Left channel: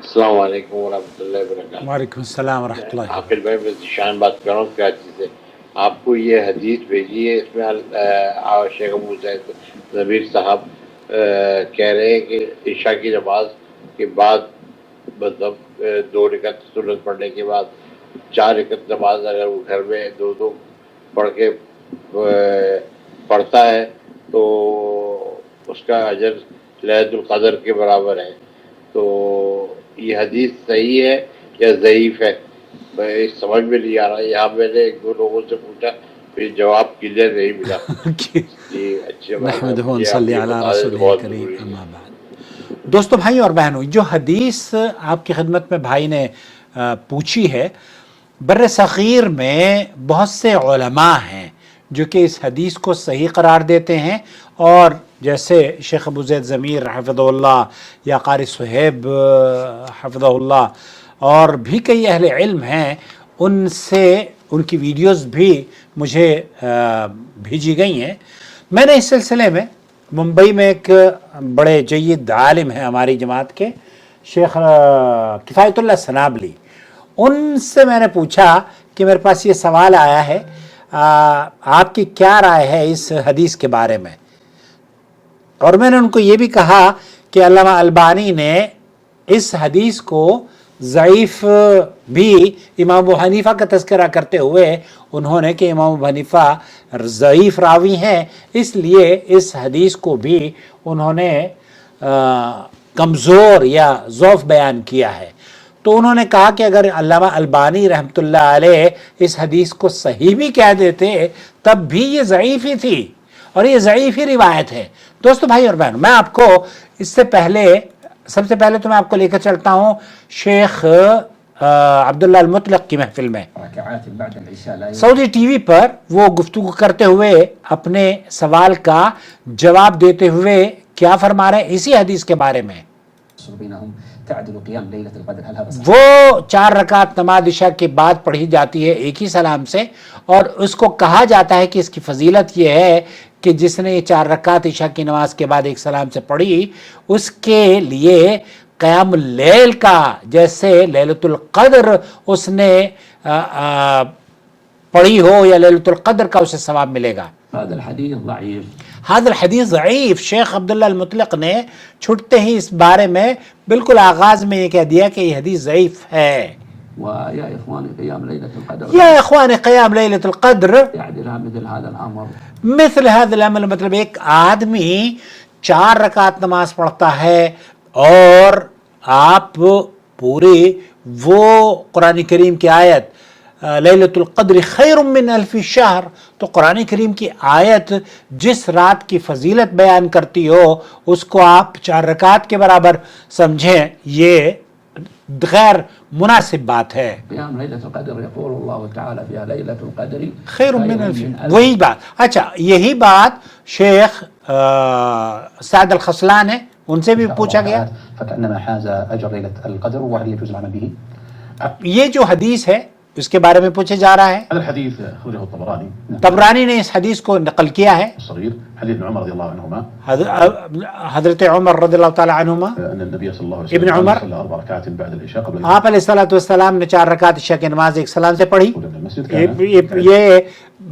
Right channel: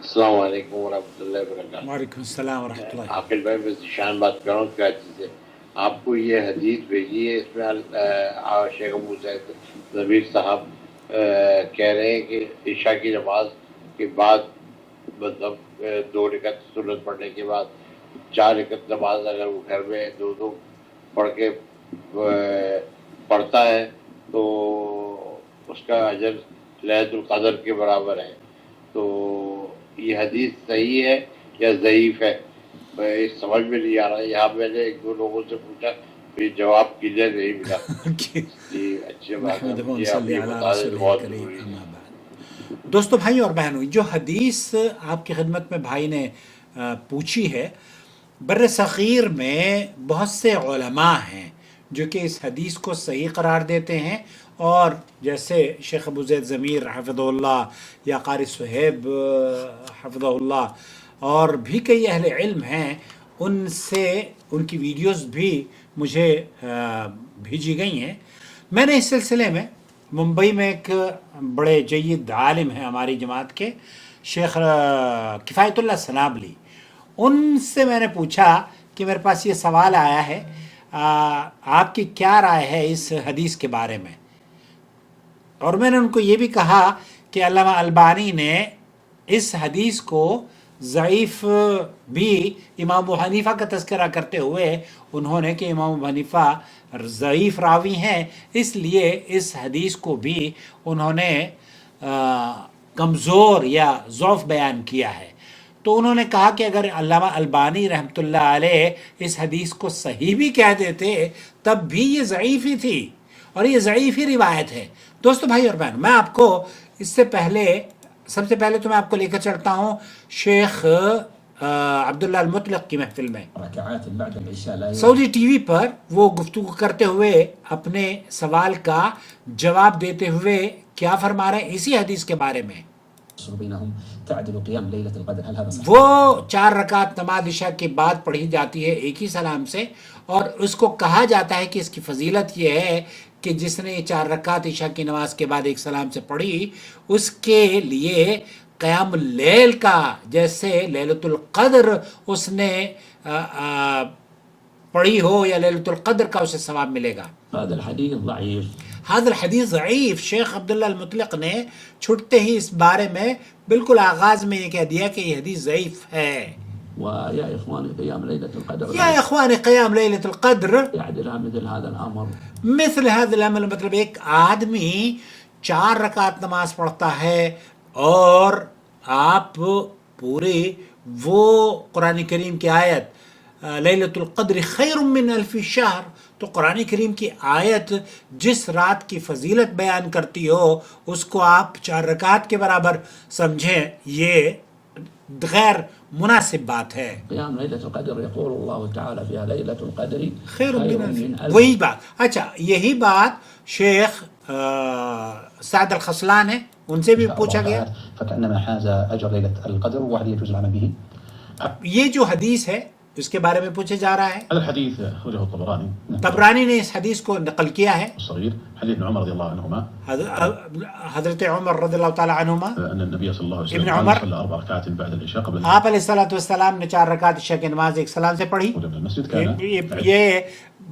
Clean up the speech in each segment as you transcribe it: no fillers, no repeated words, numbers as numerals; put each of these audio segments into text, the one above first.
السلام علیکم ورحمۃ اللہ وبرکاتہ۔ وعلیکم السلام ورحمۃ اللہ وبرکاتہ۔ عاقل بھائی میں ذیشان بات کر رہا ہوں کراچی سے۔ آپ کو یہ حدیث بھیجی ہے، اس میں شیخ ابو زید ضمیر صاحب کہہ رہے ہیں کہ عشاء کی نماز کے بعد مطلب 2 رکعت سنت پڑھنے کے بعد 4 رکعت نماز اگر وہ گھر میں 2 پڑھ کے پڑھتا ہے تو اس کا اجر لیلۃ القدر کے برابر ہے۔ تو یہ حدیث صحیح ہے یا ضعیف ہے؟ میں سمجھ میں نہیں آ رہا۔ یہاں میں نے 1-2 لوگوں سے پوچھا، پھر جواب کلیئر نہیں ملا۔ جی اچھی بات ہے، نحمدہ مجھے آپ ونصلی یہ علی بتا دیں تو رسولہ بہت الکریم، ضروری ہے۔ اما بعد۔ دوستو، بھائی اور بہنوں، جو حدیث آپ کی خدمت میں بھائی نے پوچھی ہے، بر صغیر میں بہت سے علماء ہیں جو کہ اس حدیث کو صحیح قرار دیتے ہیں، اور جیسے شیخ ابو زید ضمیر حفظہ اللہ یا قاری صہیب حفظہ اللہ اور بھی کئی اہل علم ہیں، ان سے ان کی ویڈیوز بھی مجھے بھیجی گئی ہیں۔ میں نے اس سلسلے میں ممبئی میں ایک بڑے جید عالم ہیں ہماری جماعت کے، شیخ کفایت اللہ سنابلی، ان سے میں نے پوچھا کہ میرے پاس یہ سوال آیا ہے، آپ کی کیا رائے ہے اس حدیث کے بارے میں؟ اور میں نے ان کو یہ بھی کہا کہ علامہ البانی نے اس حدیث کو ضعیف بھی امام ابو حنیفہ کا تذکرہ کرتے ہوئے انہوں نے کہ امام ابو حنیفہ ضعیف راوی ہیں، اس لیے اس حدیث کو بھی انہوں نے کمزور یا ضعف بیان کیا ہے۔ تو انہوں نے کہا کہ اگر علامہ البانی رحمۃ اللہ علیہ اس حدیث کو صحیح بھی کہہ دیتے تب بھی یہ ضعیف ہی تھی، اور یہ ضعیف ہی روایت ہے۔ دوستو، بھائی اور بہن، میں آپ کو اس سے پہلے سب سے پہلے تو میں آپ کو لے کر چلتا ہوں شیخ عبداللہ المطلق کی محفل میں۔ سعودی ٹی وی پر وہ گفتگو کرتے ہوئے اپنے سوال کا جواب دیتے ہوئے کیا فرما رہے ہیں اسی حدیث کے بارے میں؟ وہ 4 رکعت نماز عشاء کے بعد پڑھی جاتی ہے ایک ہی سلام سے، اور اس کو کہا جاتا ہے کہ اس کی فضیلت یہ ہے کہ جس نے یہ 4 رکعت عشاء کی نماز کے بعد ایک سلام سے پڑھی، اس کے لیے قیام اللیل کا، جیسے لیلۃ القدر اس نے پڑھی ہو یا لیلۃ القدر کا اسے ثواب ملے گا۔ هذا الحدیث ضعیف۔ شیخ عبداللہ المطلق نے چھٹتے ہی اس بارے میں بالکل آغاز میں یہ کہہ دیا کہ یہ حدیث ضعیف ہے۔ ويا إخواني قيام ليلة القدر یا اخوان قیام لیلۃ القدر يعدل مثل هذا الأمر مثل هذا العمل، مطلب ایک آدمی 4 رکعت نماز پڑھتا ہے اور آپ پوری وہ قرآن کریم کی آیت لیلۃ القدر خیر من الف شہر، تو قرآن کریم کی آیت جس رات کی فضیلت بیان کرتی ہو اس کو آپ 4 رکعت کے برابر سمجھیں، یہ غیر مناسب بات ہے۔ قيام ليلة القدر يقول الله تعالى فيها ليلة القدر خیر من الف، وہی بات۔ اچھا، یہی بات شیخ سعد الخصلان ہے، ان سے بھی پوچھا گیا۔ فكأنما حاز أجر ليلة القدر وهل يجوز العمل به؟ یہ جو حدیث ہے اس کے بارے میں پوچھا جا رہا ہے۔ هذا الحديث أخرجه الطبراني طبرانی نے اس حدیث کو نقل کیا ہے، الصغير حديث ابن عمر رضي الله عنهما حضرت عمر رضی اللہ تعالی عنہما، أن النبي صلى الله عليه ابن وسلم عمر صلى 4 ركعات بعد العشاء قبل آپ علیہ الصلوۃ والسلام نے 4 رکعت عشاء کی نماز ایک سلام سے پڑھی۔ الدخول من المسجد كان یہ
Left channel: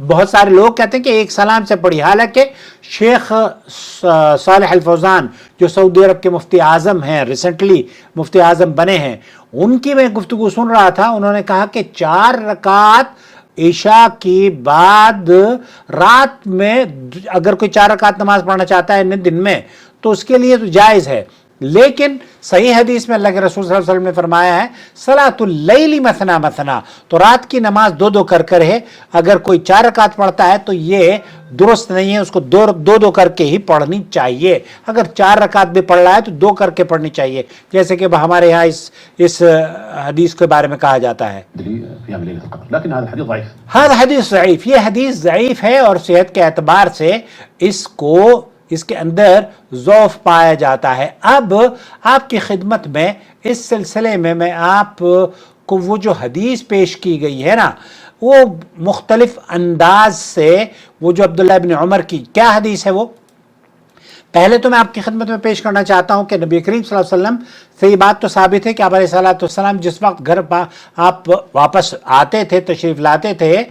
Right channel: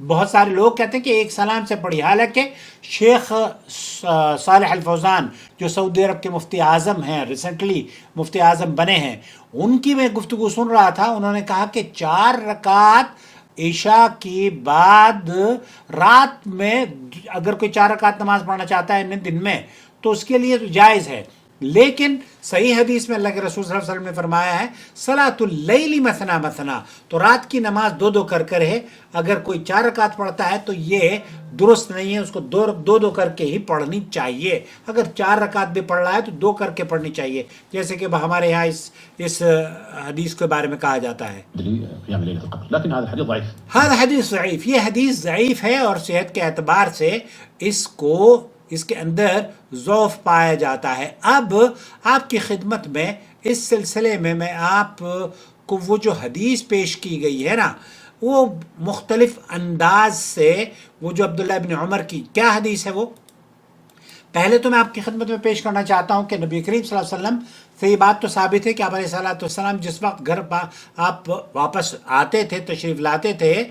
بہت سارے لوگ کہتے ہیں کہ ایک سلام سے پڑھی، حالانکہ شیخ صالح الفوزان جو سعودی عرب کے مفتی اعظم ہیں، ریسنٹلی مفتی اعظم بنے ہیں، ان کی میں گفتگو سن رہا تھا، انہوں نے کہا کہ 4 رکعت عشاء کی بعد رات میں اگر کوئی 4 رکعت نماز پڑھنا چاہتا ہے دن میں تو اس کے لیے تو جائز ہے، لیکن صحیح حدیث میں اللہ کے رسول صلی اللہ علیہ وسلم نے فرمایا ہے صلاۃ اللیل مثنا مثنا، تو رات کی نماز 2 کر کر ہے۔ اگر کوئی 4 رکعت پڑھتا ہے تو یہ درست نہیں ہے، اس کو 2 کر کے ہی پڑھنی چاہیے۔ اگر 4 رکعت بھی پڑھ رہا ہے تو 2 کر کے پڑھنی چاہیے، جیسے کہ ہمارے یہاں اس حدیث کے بارے میں کہا جاتا ہے۔ قيام ليلة القدر، لكن هذا الحديث ضعيف. ہر حدیث ضعیف، یہ حدیث ضعیف ہے، اور صحت کے اعتبار سے اس کے اندر ضعف پایا جاتا ہے۔ اب آپ کی خدمت میں اس سلسلے میں آپ کو وہ جو حدیث پیش کی گئی ہے نا، وہ مختلف انداز سے، وہ جو عبداللہ ابن عمر کی کیا حدیث ہے، وہ پہلے تو میں آپ کی خدمت میں پیش کرنا چاہتا ہوں کہ نبی کریم صلی اللہ علیہ وسلم سے یہ بات تو ثابت ہے کہ آپ علیہ السلام جس وقت گھر آپ واپس آتے تھے، تشریف لاتے تھے،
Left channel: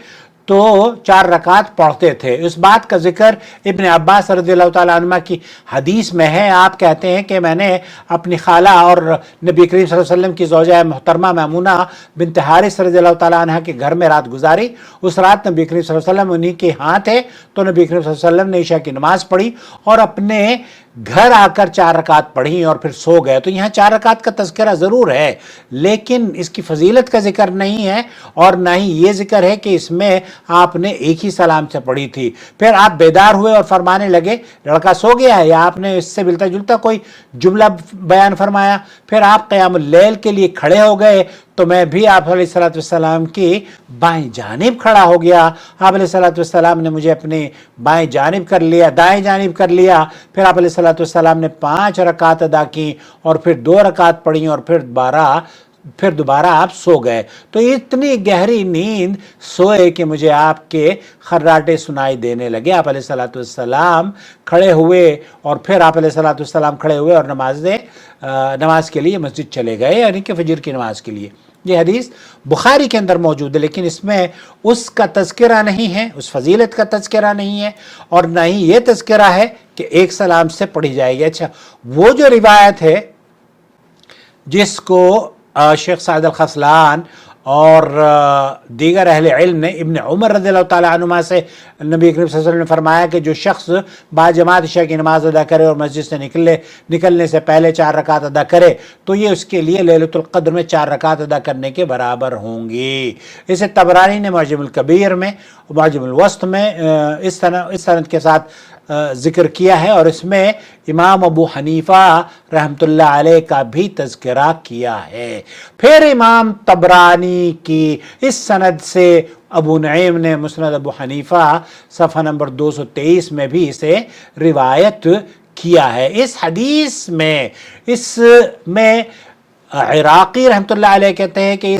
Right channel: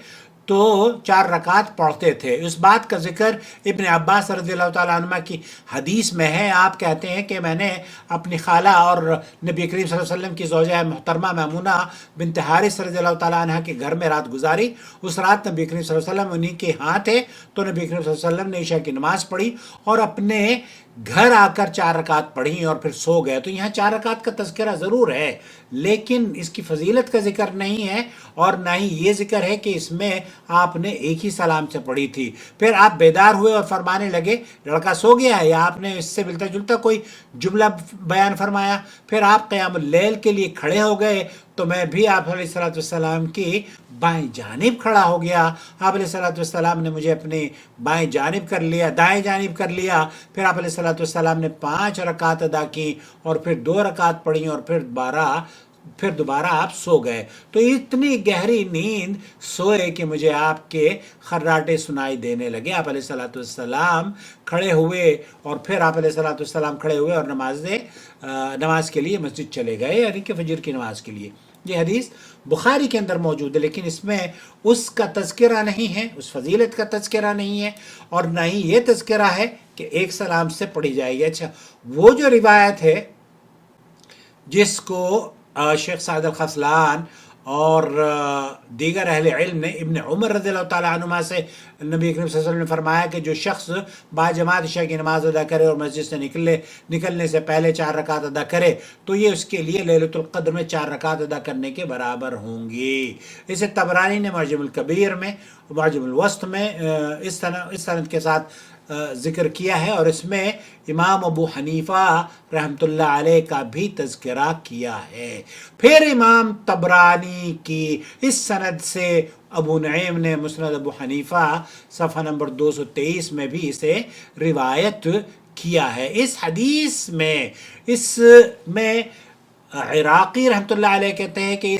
تو 4 رکعت پڑھتے تھے۔ اس بات کا ذکر ابن عباس رضی اللہ تعالیٰ عنہ کی حدیث میں ہے۔ آپ کہتے ہیں کہ میں نے اپنی خالہ اور نبی کریم صلی اللہ علیہ وسلم کی زوجہ محترمہ میمونہ بنت حارث رضی اللہ تعالیٰ عنہ کے گھر میں رات گزاری۔ اس رات نبی کریم صلی اللہ علیہ وسلم انہی کے ہاں تھے، تو نبی کریم صلی اللہ علیہ وسلم نے عشاء کی نماز پڑھی اور اپنے گھر آ کر 4 رکعت پڑھی اور پھر سو گئے۔ تو یہاں 4 رکعت کا تذکرہ ضرور ہے، لیکن اس کی فضیلت کا ذکر نہیں ہے، اور نہ ہی یہ ذکر ہے کہ اس میں آپ نے ایک ہی سلام سے پڑھی تھی۔ پھر آپ بیدار ہوئے اور فرمانے لگے لڑکا سو گیا ہے، یا آپ نے اس سے ملتا جلتا کوئی جملہ بیان فرمایا۔ پھر آپ قیام اللیل کے لیے کھڑے ہو گئے، تو میں بھی آپ علیہ السلام کی بائیں جانب کھڑا ہو گیا۔ آپ علیہ السلام نے مجھے اپنی بائیں جانب کر لیا، دائیں جانب کر لیا۔ پھر آپ علیہ السلام نے 5 رکعت ادا کی اور پھر 2 رکعت پڑھی اور پھر دوبارہ آپ سو گئے۔ تو اتنی گہری نیند سوئے کہ مجھے آپ کے خراٹے سنائی دینے لگے۔ آپ علیہ السلام کھڑے ہوئے اور پھر آپ علیہ السلام کھڑے ہوئے اور نماز کے لیے مسجد چلے گئے، یعنی کہ فجر کی نماز کے لیے۔ یہ حدیث بخاری کے اندر موجود ہے، لیکن اس میں اس کا تذکرہ نہیں ہے، اس فضیلت کا تذکرہ نہیں ہے، اور نہ ہی یہ تذکرہ ہے کہ ایک سلام سے پڑھی جائے گی۔ اچھا، وہ جو روایت ہے جس کو شیخ سعد الخسلان اور دیگر اہل علم نے ابن عمر رضی اللہ تعالیٰ عنہما سے نبی کریم صلی اللہ علیہ وسلم نے فرمایا کہ جو شخص باجماعت عشاء کی نماز ادا کرے اور مسجد سے نکلنے سے پہلے 4 رکعت ادا کرے تو یہ اس کے لیے لیلۃ القدر میں 4 رکعت ادا کرنے کے برابر ہوں گی۔ اسے طبرانی نے معجم الکبیر میں، معجم الوسط میں اس سند کے ساتھ ذکر کیا ہے، اور اس میں امام ابو حنیفہ رحمۃ اللہ علیہ کا بھی تذکرہ کیا ہے۔ پھر امام طبرانی کی اس سند سے ابو نعیم نے مسند ابو حنیفہ صفحہ نمبر 223 میں بھی اسے روایت کیا ہے۔ اس حدیث میں عراقی رحمۃ اللہ علیہ کہتے ہیں کہ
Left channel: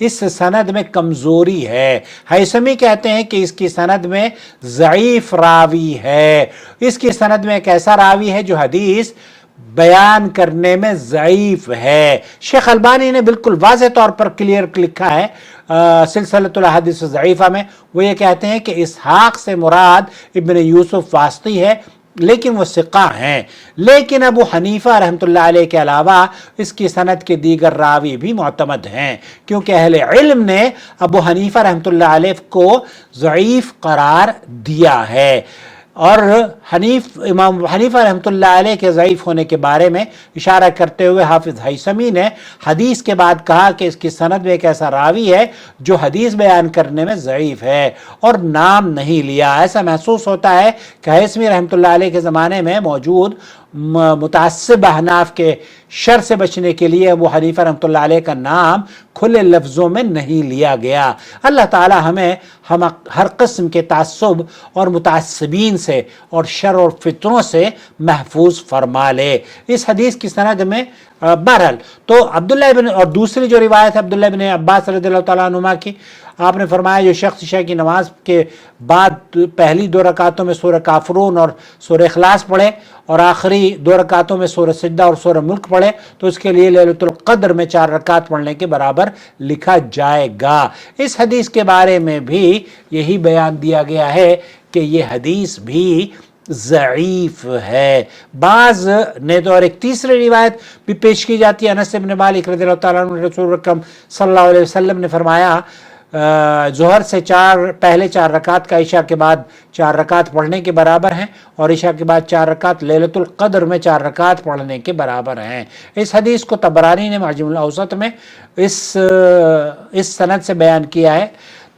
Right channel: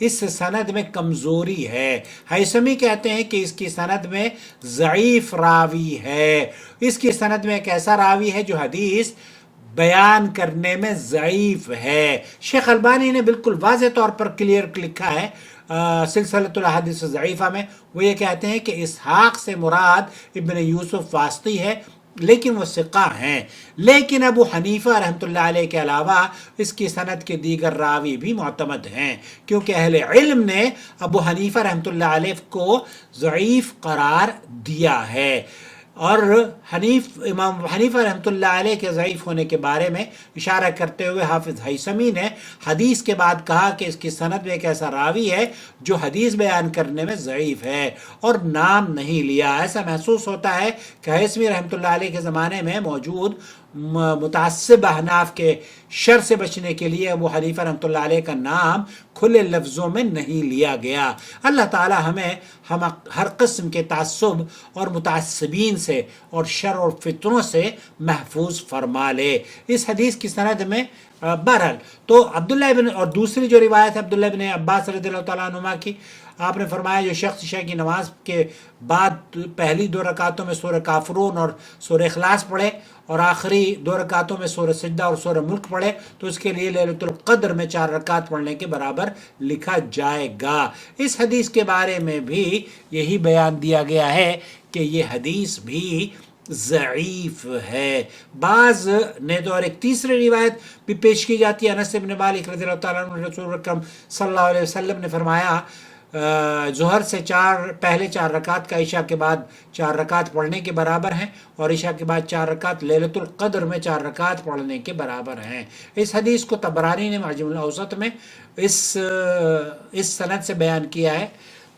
اس سند میں کمزوری ہے۔ حیثمی کہتے ہیں کہ اس کی سند میں ضعیف راوی ہے۔ اس کی سند میں ایک ایسا راوی ہے جو حدیث بیان کرنے میں ضعیف ہے۔ شیخ البانی نے بالکل واضح طور پر کلیئر لکھا ہے سلسلۃ الاحادیث الضعیفہ میں، وہ یہ کہتے ہیں کہ اسحاق سے مراد ابن یوسف واسطی ہے، لیکن وہ ثقہ ہیں، لیکن ابو حنیفہ رحمۃ اللہ علیہ کے علاوہ اس کی سند کے دیگر راوی بھی معتمد ہیں، کیونکہ اہل علم نے ابو حنیفہ رحمۃ اللہ علیہ کو ضعیف قرار دیا ہے۔ اور امام حنیفہ رحمۃ اللہ علیہ کے ضعیف ہونے کے بارے میں اشارہ کرتے ہوئے حافظ حیثمی نے حدیث کے بعد کہا کہ اس کی سند میں ایک ایسا راوی ہے جو حدیث بیان کرنے میں ضعیف ہے، اور نام نہیں لیا۔ ایسا محسوس ہوتا ہے کہ حیثمی رحمۃ اللہ علیہ کے زمانے میں موجود متعصب احناف کے شر سے بچنے کے لیے ابو حنیفہ رحمۃ اللہ علیہ کا نام کھلے لفظوں میں نہیں لیا گیا۔ اللہ تعالی ہمیں ہر قسم کے تعصب اور متعصبین سے اور شر اور فتنوں سے محفوظ فرما لے۔ اس حدیث کی سند میں بہرحال تو اور دوسری جو روایت ہے عبداللہ بن عباس رضی اللہ تعالیٰ عنہما کی، آپ نے فرمایا جو شخص عشاء کی نماز کے بعد پہلی 2 رکعتوں میں سورہ کافرون اور سورہ اخلاص پڑھے اور آخری 2 رکعتوں میں سورہ سجدہ اور سورہ ملک پڑھے تو اس کے لیے لیلۃ القدر میں 4 رکعت پڑھنے کے برابر لکھا جائے گا۔ اس حدیث کے بارے میں بھی یہی بیان دیا گیا ہے کہ یہ حدیث بھی ضعیف ہے۔ بعض نے تو اور ایک تیسری روایت بھی پیش کی جاتی ہے، انس بن مالک رضی اللہ تعالیٰ عنہ، رسول اکرم صلی اللہ علیہ وسلم نے فرمایا ظہر سے پہلے 4 رکعت کا عشاء کے بعد 4 رکعت پڑھنے کے برابر ہیں، اور عشاء کے بعد 4 رکعت لیلۃ القدر میں 4 رکعت پڑھنے کے برابر ہیں۔ اس حدیث کو طبرانی نے معجم الاوسط میں اس سند سے بیان کیا ہے۔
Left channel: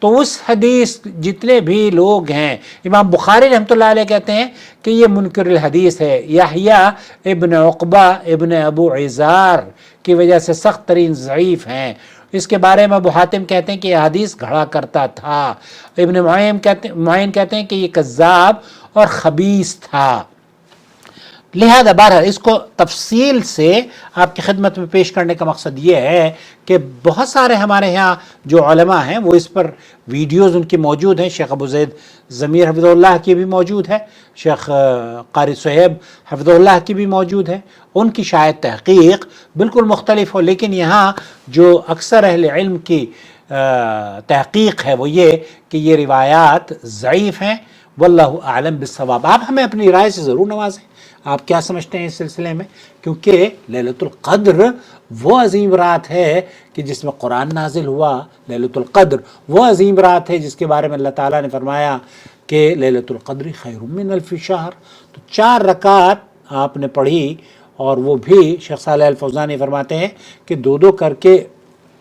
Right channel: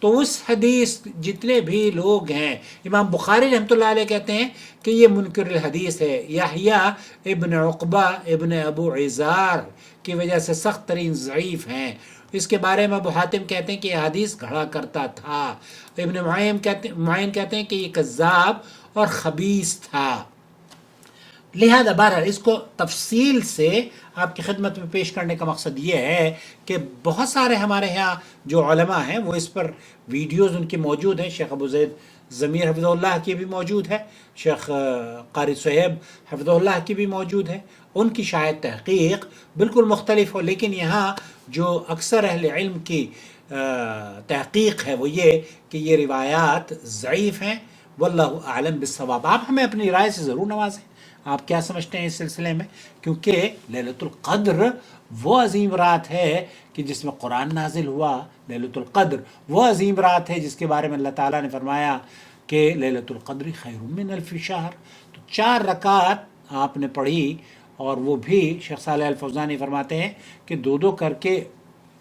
تو اس حدیث جتنے بھی لوگ ہیں، امام بخاری رحمۃ اللہ علیہ کہتے ہیں کہ یہ منکر الحدیث ہے، یحییٰ ابن عقبہ ابن ابو عزار کی وجہ سے سخت ترین ضعیف ہیں۔ اس کے بارے میں ابو حاتم کہتے ہیں کہ یہ حدیث گھڑا کرتا تھا۔ ابن معین کہتے ہیں کہ یہ کذاب اور خبیث تھا۔ لہذا بہرحال اس کو تفصیل سے آپ کی خدمت میں پیش کرنے کا مقصد یہ ہے کہ بہت سارے ہمارے ہاں جو علماء ہیں وہ اس پر ویڈیوز ان کی موجود ہیں. شیخ ابو زید ضمیر حفظہ اللہ کی بھی موجود ہے, شیخ قاری صہیب حفظہ اللہ کی بھی موجود ہے. ان کی شاید تحقیق بالکل مختلف ہو, لیکن یہاں جو اکثر اہل علم کی تحقیق ہے وہ یہ کہ یہ روایات ضعیف ہیں. واللہ اعلم بالصواب. آپ ہمیں اپنی رائے سے ضرور نوازیں, آپ کیا سمجھتے ہیں اس سلسلے میں, کیونکہ لیلۃ القدر وہ عظیم رات ہے کہ جس میں قرآن نازل ہوا. لیلۃ القدر وہ عظیم رات ہے جس کے بارے میں اللہ تعالیٰ نے فرمایا کہ لیلۃ القدر خیر من الف شہر. تو 4 رکعت آپ نے پڑھی, اور وہ بھی شیخ صالح الفوزانی فرماتے ہیں کہ 2 کر کے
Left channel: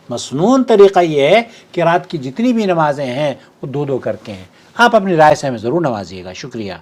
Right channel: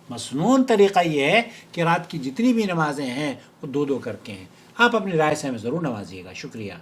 مسنون طریقہ یہ ہے کہ رات کی جتنی بھی نمازیں ہیں وہ 2 کر کے ہیں. آپ اپنی رائے سے ہمیں ضرور نوازیے گا. شکریہ.